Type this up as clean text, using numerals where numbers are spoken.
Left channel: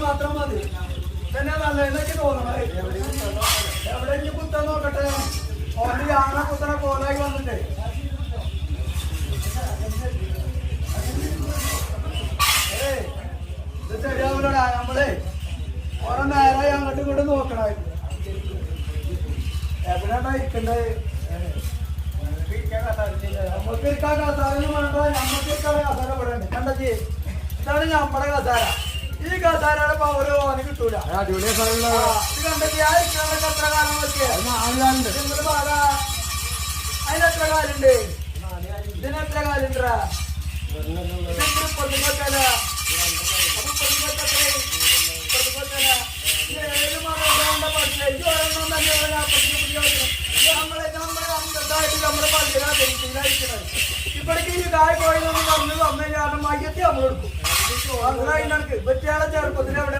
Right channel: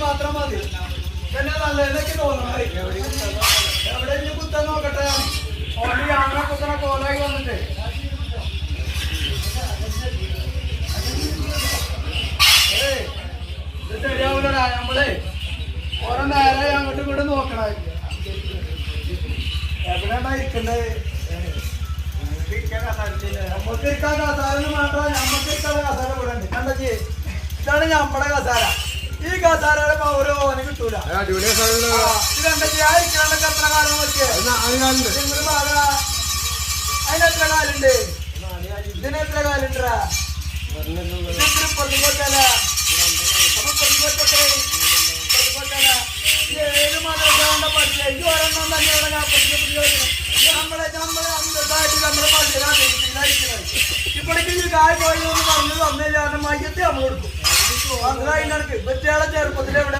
മാത്രം മതി എന്നെ നല്ലതൊക്കെ തോന്നണം എവിടെ കുത്താൻ നോക്കട്ടെ ഓടി അങ്ങനെ കുത്തണ കോലായി വന്നിട്ടേ ഇത് ശരിയാവൂലടാ നമ്മളെ ഓരോ നേരെ അങ്ങോട്ടും ഇങ്ങോട്ടും നോക്കണ എവിടെയാ ഇരിക്കണ്ടേ നമ്മക്ക് ഇരിക്കാൻ കസാരൊന്നും വേണ്ട നമ്മക്ക് ഇരിക്കാനുള്ള കസാര ഇവിടെ ഉണ്ട് കണ്ടേ ഇതാണ് ഞമ്മടെ കസാര ഈ കസാരയുടെ പവര് ഓന് കിട്ടൂല ഇത് കണ്ടേ ആ ഇരിക്കാനൊക്കെ എത്ര കാലം നോക്കിയേ അതിനെത്ര കാലുണ്ട് ഇതിനെത്ര കാലുണ്ടാ പൊട്ടിക്കൊട്ടല ഏത് മനോഹരണ്ട പഠിച്ച ഒരെണ്ണം തന്നെ നമ്മളെ ഇപ്പോഴേക്ക് ഈ കായ പോയി പറഞ്ഞു തന്നില്ല മയ്യത്തെ നമ്മൾ എടുക്കും അതിനടുക്ക് വെച്ചാളെ ചെറുപ്പത്തിൽ എവിടെ